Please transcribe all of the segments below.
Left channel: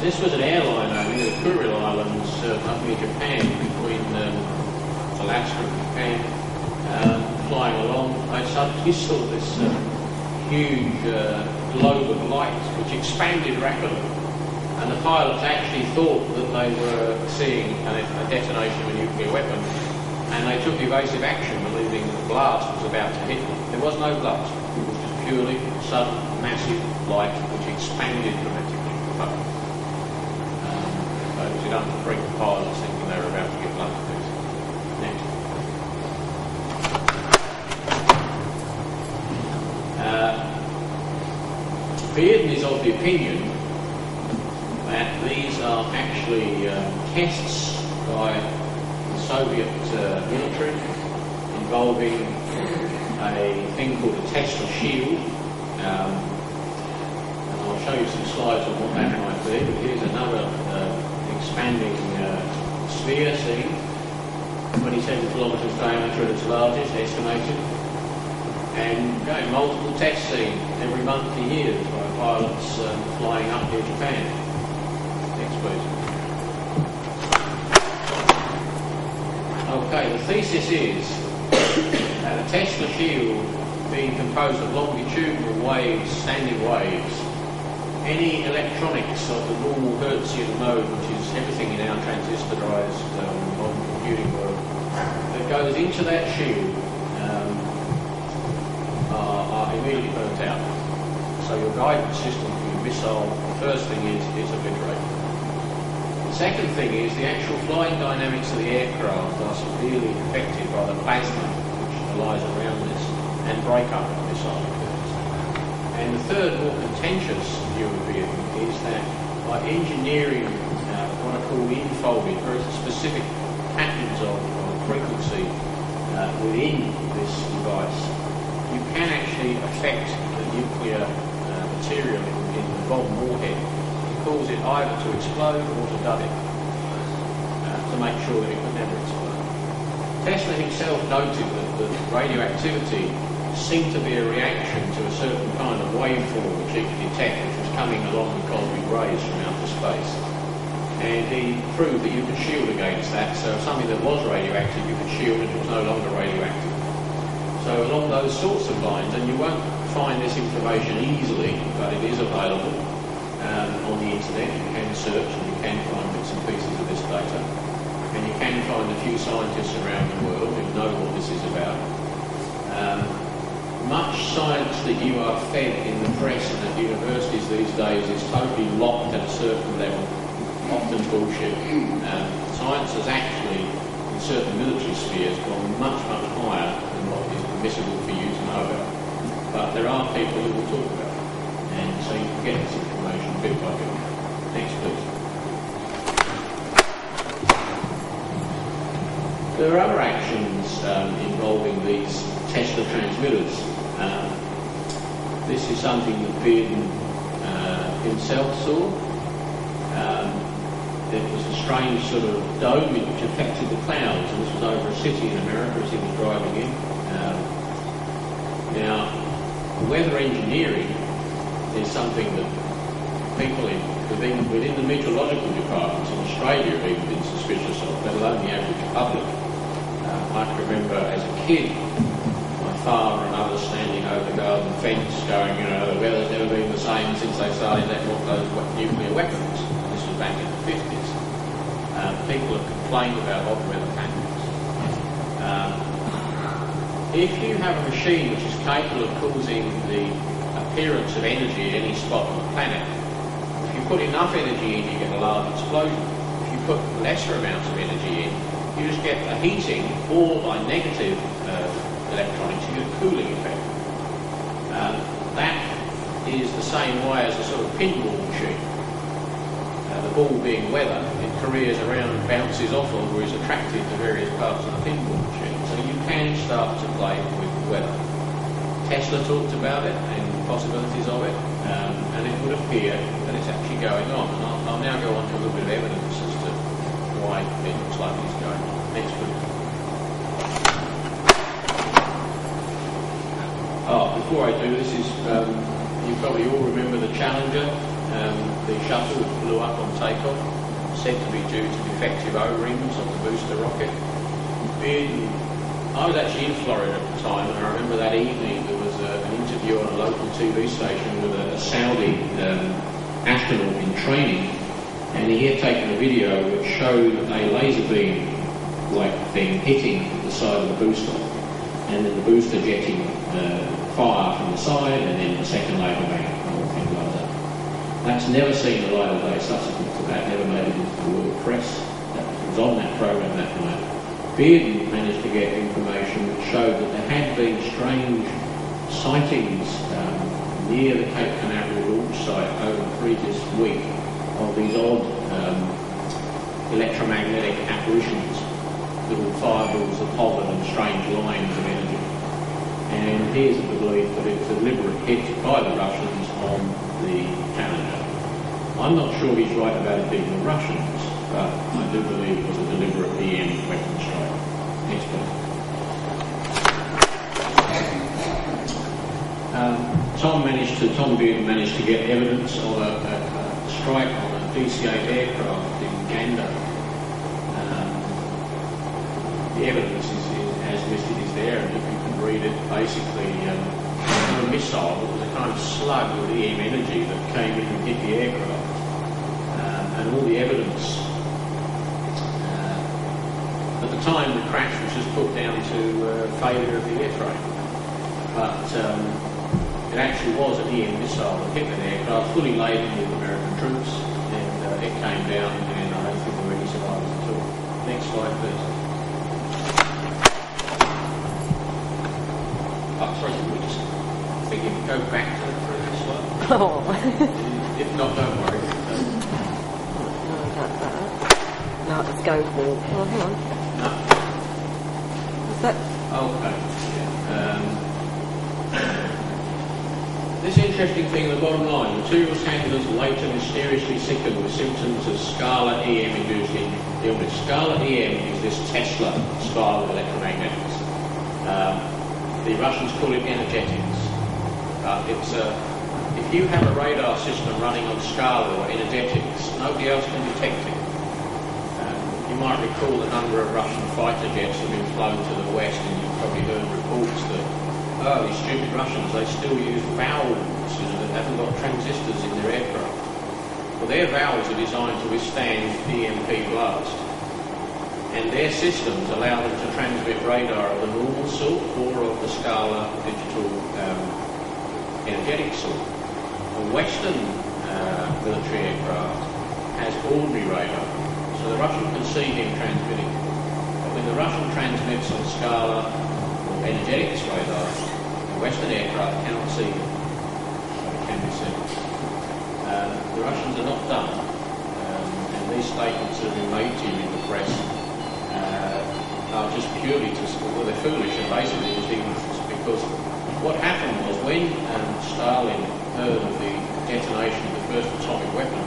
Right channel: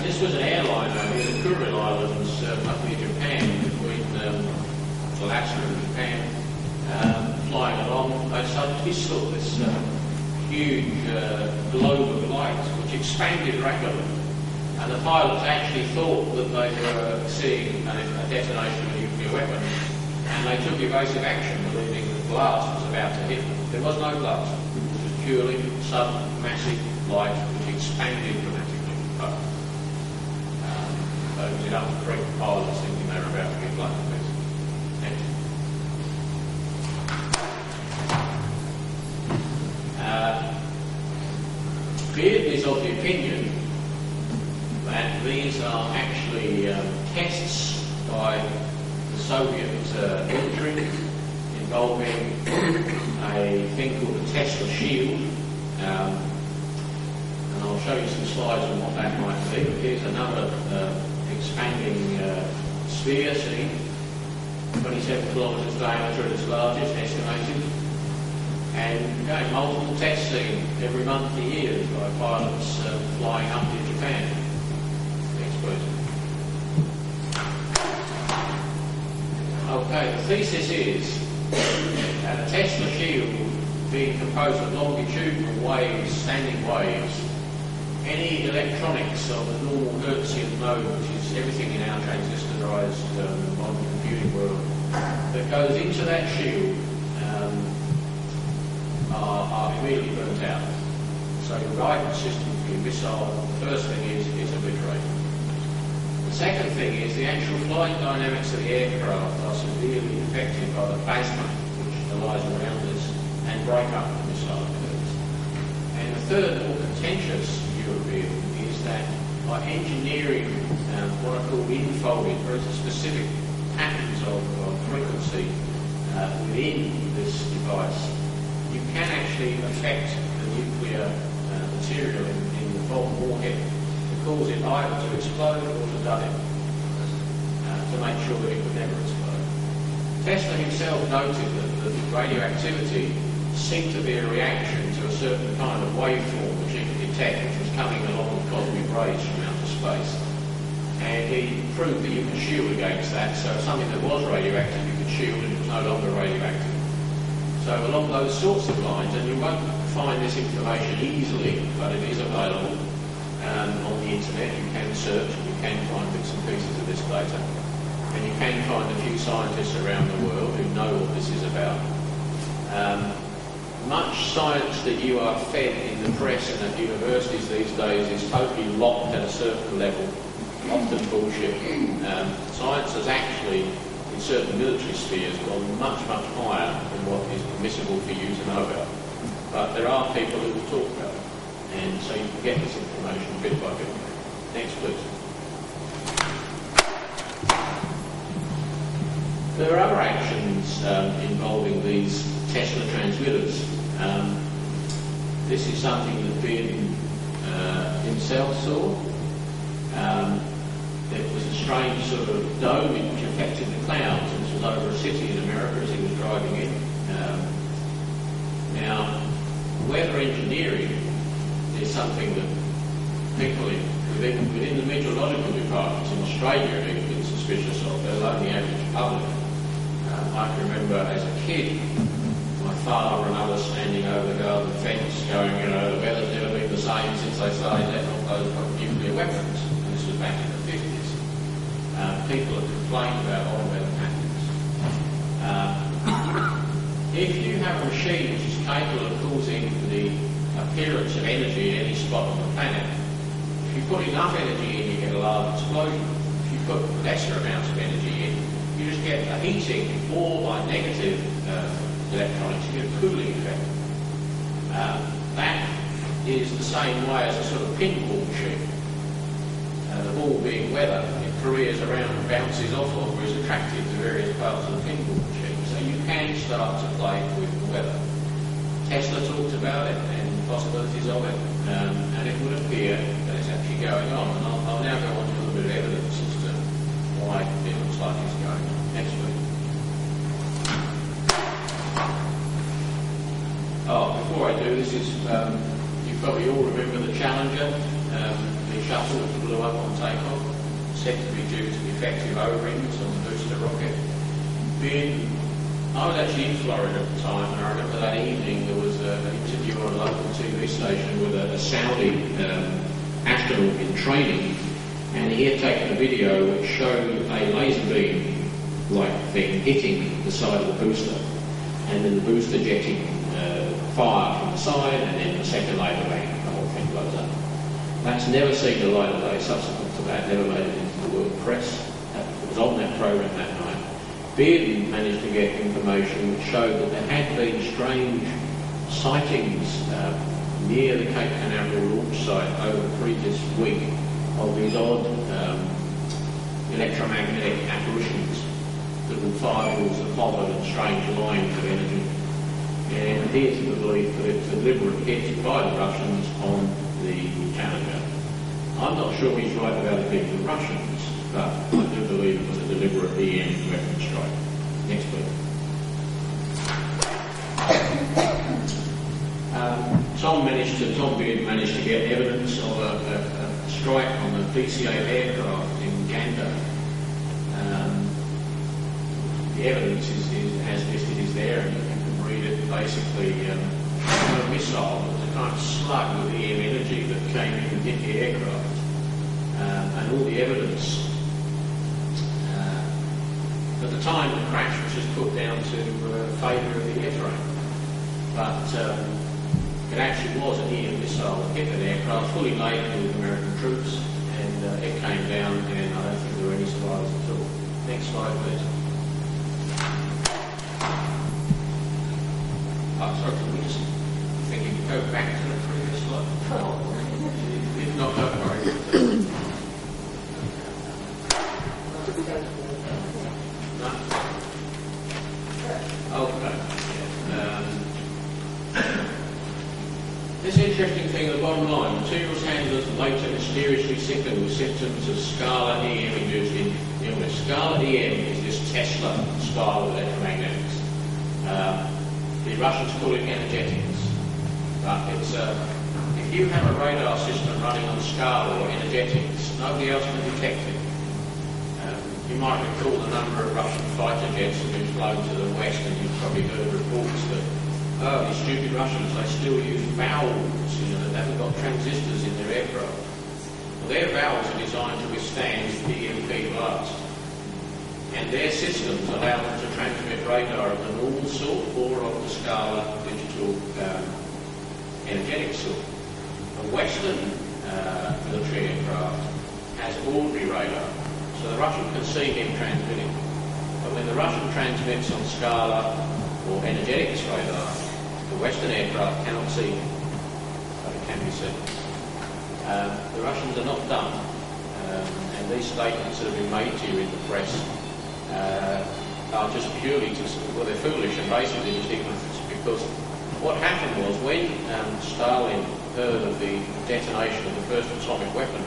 This was an airline only, the Kuril Islands up near Japan, between Alaska and Japan, flying along. They suddenly saw this huge globe of light which expanded rapidly, and the pilots actually thought that they were seeing a detonation of a nuclear weapon, and they took evasive action, believing that the blast was about to hit them. There was no blast, it was just purely sudden, massive light which expanded dramatically. So it was enough to freak the pilots thinking they were about to get blown to pieces. Next. Bearden is of the opinion that these are actually tests by the Soviet military involving a thing called a Tesla shield. And I'll show you some slides on what that might be. But here's another expanding sphere seen, 27 kilometres diameter at its largest, estimated. And multiple tests seen every month for years by pilots flying up near Japan. Next, please. Okay, the thesis is that a Tesla shield being composed of longitudinal waves, standing waves, any electronics of the normal Hertzian mode, which is everything in our transistorized modern computing world, that goes into that shield are immediately burnt out. So your guidance system for your missile, the first thing is it's obliterated. The second thing is the actual flying dynamics of the aircraft are severely affected by the plasma which lies around this and break up the missile curves. And the third, more contentious view of it is that by engineering what are called infolded, very specific patterns of frequency within this device, you can actually affect the nuclear material in the bomb warhead to cause it either to explode or to dud it, to make sure that it could never explode. Tesla himself noted that the radioactivity seemed to be a reaction to a certain kind of waveform which he could detect, which was coming along with cosmic rays from outer space. And he proved that you could shield against that, so if something that was radioactive you could shield and it was no longer radioactive. So along those sorts of lines, and you won't find this information easily, but it is available on the internet. You can search and you can find bits and pieces of this data. And you can find a few scientists around the world who know what this is about. Much science that you are fed in the press and at universities these days is totally locked at a certain level, often bullshit. Science has actually, in certain military spheres, gone much, much higher than what is permissible for you to know about. But there are people who will talk about it, and so you can get this information bit by bit. Next, please. There are other actions involving these Tesla transmitters. This is something that Bearden himself saw. It was a strange sort of dome which affected the clouds, and this was over a city in America as he was driving in. Now, weather engineering is something that people within the meteorological departments in Australia have even been suspicious of, let alone the average public. I can remember as a kid, my father and others standing over the garden fence going, the weather's never been the same since they started letting off those nuclear weapons. And this was back in the 50s. People have complained about odd weather patterns. If you have a machine which is capable of causing the appearance of energy at any spot on the planet, if you put enough energy in, you get a large explosion. If you put lesser amounts of energy in, you just get a heating, or by negative electronics, you get a cooling effect. That is the same way as a sort of pinball machine. The ball being weather, it careers around and bounces off or is attracted to various parts of the pinball machine. So you can start to play with weather. Tesla talked about it and the possibilities of it, and it would appear that it's actually going on. And I'll now go on to a little bit of evidence as to why it looks like it's going on. Next week. Before I do, this is You probably all remember the Challenger, the shuttle which blew up on takeoff, said to be due to defective O-rings on the booster rocket. I was actually in Florida at the time, and I remember that evening there was an interview on a local TV station with a Saudi astronaut in training, and he had taken a video which showed a laser beam-like thing hitting the side of the booster, and then the booster jetting fire from the side, and then the second laser bang, the whole thing blows up. That's never seen the light of day subsequent to that, never made it into the world press. That was on that program that night. Bearden managed to get information which showed that there had been strange sightings near the Cape Canaveral launch site over the previous week of these odd electromagnetic apparitions, little fireballs that hovered and strange lines of energy. And here's the belief that it's a deliberate hit by the Russians on the Challenger. I'm not sure he's right about it being the Russians, but I do believe it was a deliberate EM weapon strike. Next please. Tom Bearden managed to get evidence of a strike on a DC-8 aircraft in Uganda. The evidence is as listed is there, and you can read it. Basically, a missile that was a kind of slug with EM energy that came in and hit the aircraft, and all the evidence. At the time, the crash was just put down to failure of the airframe, but it actually was an EM missile that hit an aircraft fully laden with American troops, and it came down, and I don't think there were any survivors at all. Next slide, please. Oh, sorry, can we just go back to the previous slide? Oh. If not, don't worry. No, it's going forward. Oh, hang on. No. Is that? Okay. Yeah. This interesting thing, the bottom line, materials handlers later mysteriously sickened with symptoms of scalar EM-induced illness. Scalar EM is this Tesla style of electromagnetics. The Russians call it energetics. It's if you have a radar system running on scalar or energetics, nobody else can detect it. You might recall the number of Russian fighter jets have been flown to the west, and you've probably heard reports that, oh, these stupid Russians, they still use valves, that haven't got transistors in their aircraft. Well, their valves are designed to withstand EMP blast, and their systems allow them to transmit radar of the normal sort or of the scalar digital energetic sort. A Western military aircraft has ordinary radar, so the Russian can see him transmitting. But when the Russian transmits on scalar or energetics radar, the Western aircraft cannot see him, but it can be seen. The Russians are not done, and these statements that have been made to you in the press are just purely they're foolish and basically just ignorance, because what happened was when Stalin heard of the detonation of the first atomic weapon,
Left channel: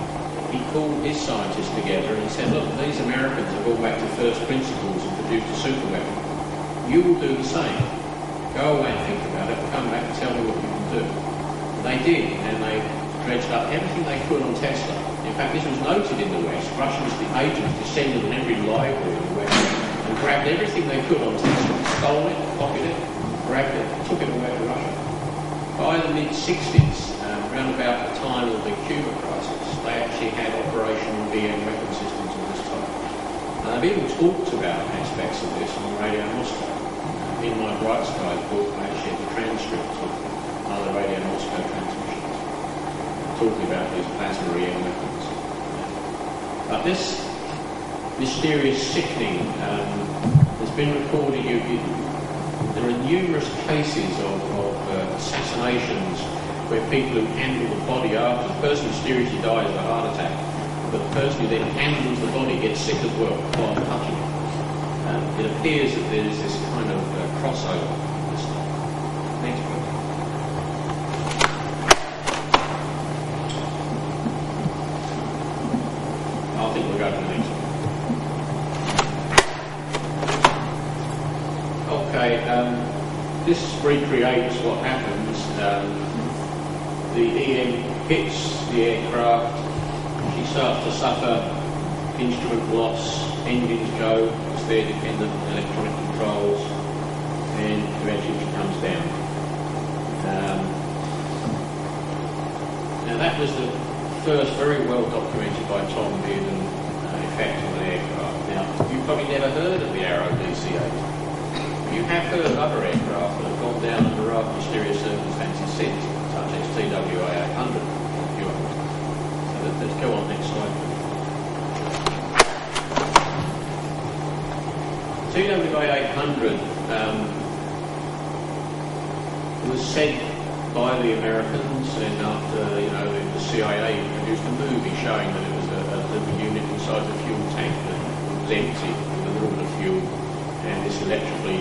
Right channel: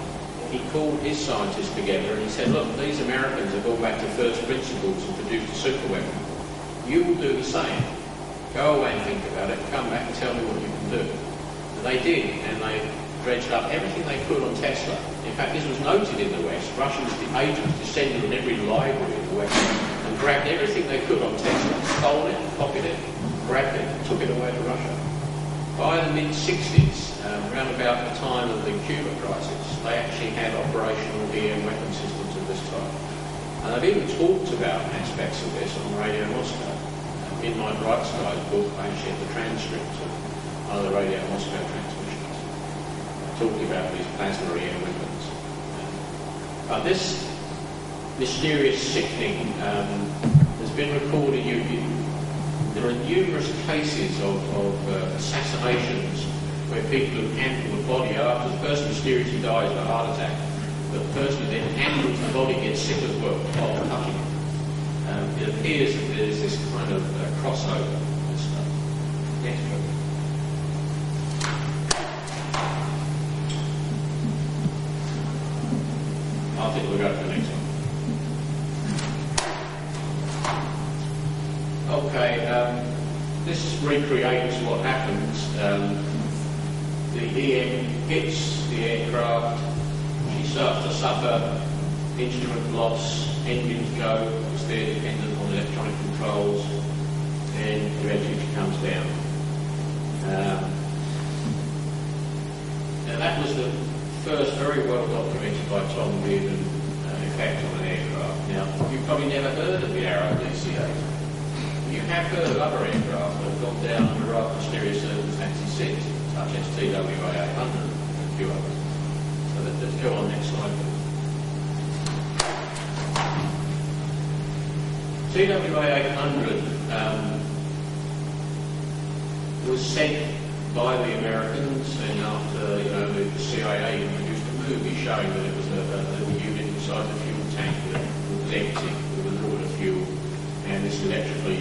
he called his scientists together and he said, look, these Americans have gone back to first principles and produced a super weapon. You will do the same. Go away and think about it, come back and tell me what you can do. And they did, and they dredged up everything they could on Tesla. In fact, this was noted in the West. Russians, the agents, descended on every library in the West and grabbed everything they could on Tesla, stole it, copied it, grabbed it, took it away to Russia. By the mid-60s, around about the time of the Cuba crisis, they actually had operational EM weapon systems of this type. And they've even talked about aspects of this on Radio Moscow. In my Bright Skies book, I actually have the transcripts of other Radio Moscow transmissions talking about these plasma EM weapons. But this mysterious sickening has been recorded. There are numerous cases of assassinations where people who handle the body after the person mysteriously dies of a heart attack, but the person who then handles the body gets sick as well while touching it. It appears that there is this kind of crossover. Next one. I think we'll go to the next one. Okay, this recreates what happens the EM hits the aircraft, she starts to suffer instrument loss, engines go, because they're dependent on electronic controls, and eventually she comes down. Now that was the first very well documented by Tom Bearden effect on an aircraft. Now, you've probably never heard of the Arrow DC-8. But you have heard of other aircraft that have gone down under rather mysterious circumstances since, such as TWA-800. So let's go on next slide, please. TWA-800 was sent by the Americans, and after the CIA produced a movie showing that it was a little unit inside the fuel tank that was empty with a little bit of fuel, and this electrically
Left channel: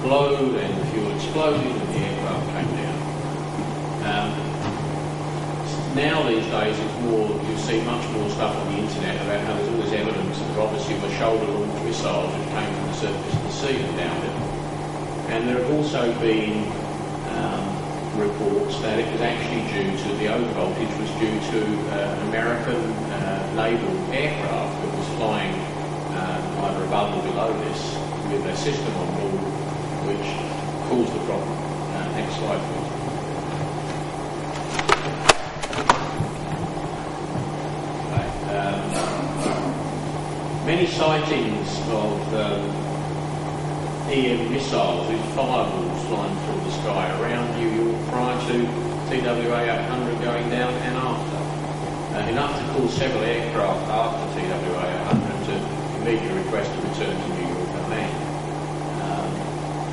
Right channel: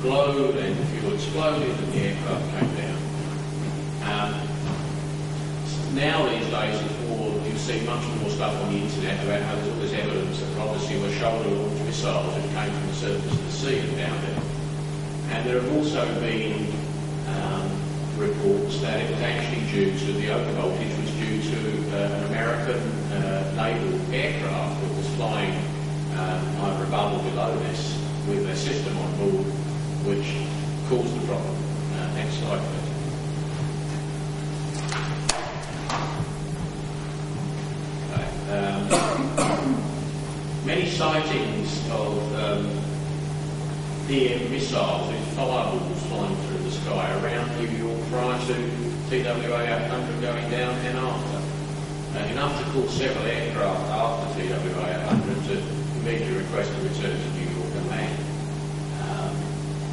glowed and the fuel exploded and the aircraft came down. Now these days it's more, you see much more stuff on the internet about how there's all this evidence that obviously were shoulder-launched missiles which came from the surface of the sea and found it. And there have also been reports that it was actually due to the overvoltage was due to an American naval aircraft that was flying either above or below this with a system on board which caused the problem. Next slide, please. Many sightings of EM missiles with fireballs flying through the sky around New York prior to TWA-800 going down and after. Enough to cause several aircraft after TWA-800 to immediately request a return to New York and land.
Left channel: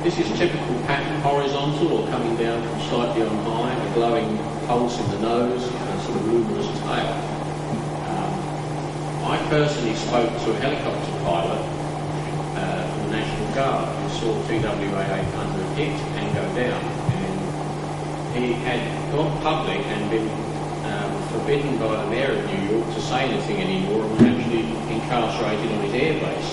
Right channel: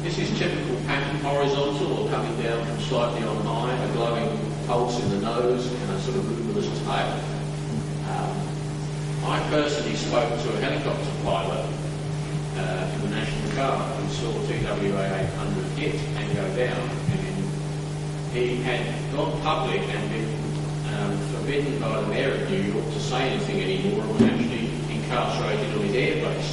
This is typical pattern, horizontal or coming down from slightly on high, a glowing pulse in the nose and a sort of luminous tail. I personally spoke to a helicopter pilot from the National Guard who saw TWA-800 hit and go down, and he had gone public and been forbidden by the Mayor of New York to say anything anymore and was actually incarcerated on his airbase.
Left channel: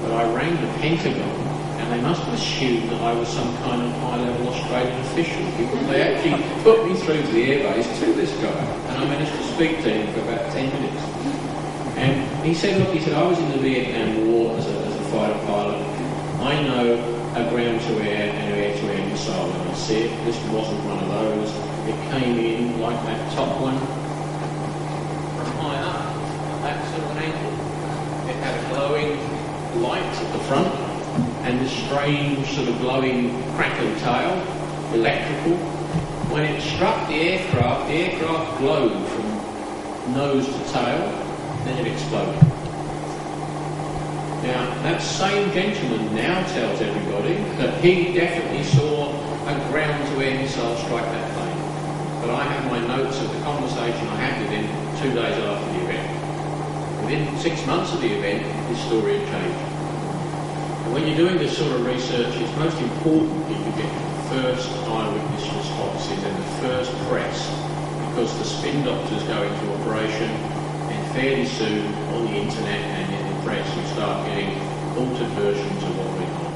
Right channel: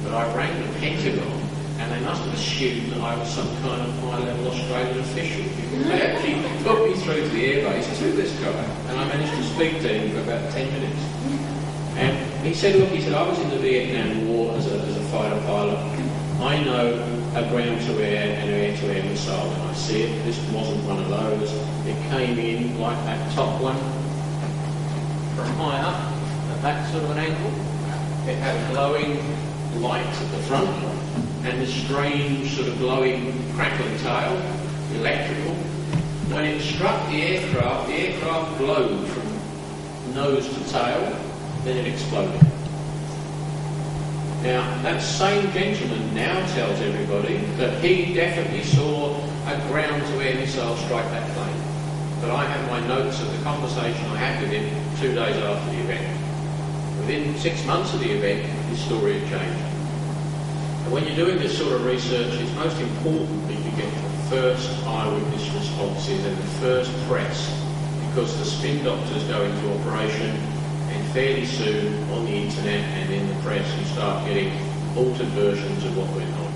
But I rang the Pentagon and they must have assumed that I was some kind of high-level Australian official because they actually put me through to the airbase to this guy, and I managed to speak to him for about 10 minutes. And he said, look, I was in the Vietnam War as a fighter pilot. I know a ground-to-air and air-to-air missile when I see it. This wasn't one of those. It came in like that top one from high up, at that sort of an angle. It had a glowing light at the front and a strange sort of glowing crackling tail, electrical. When it struck the aircraft glowed from nose to tail. Then it exploded. Now, that same gentleman now tells everybody that he definitely saw a ground-to-air missile strike that plane. But I have my notes of the conversation I had with him 2 days after the event. Within 6 months of the event, his story had changed. And when you're doing this sort of research, it's most important that you get the first eyewitness responses and the first press, because the spin doctors go into operation. And fairly soon, on the internet and in the press, you start getting altered versions of what went on.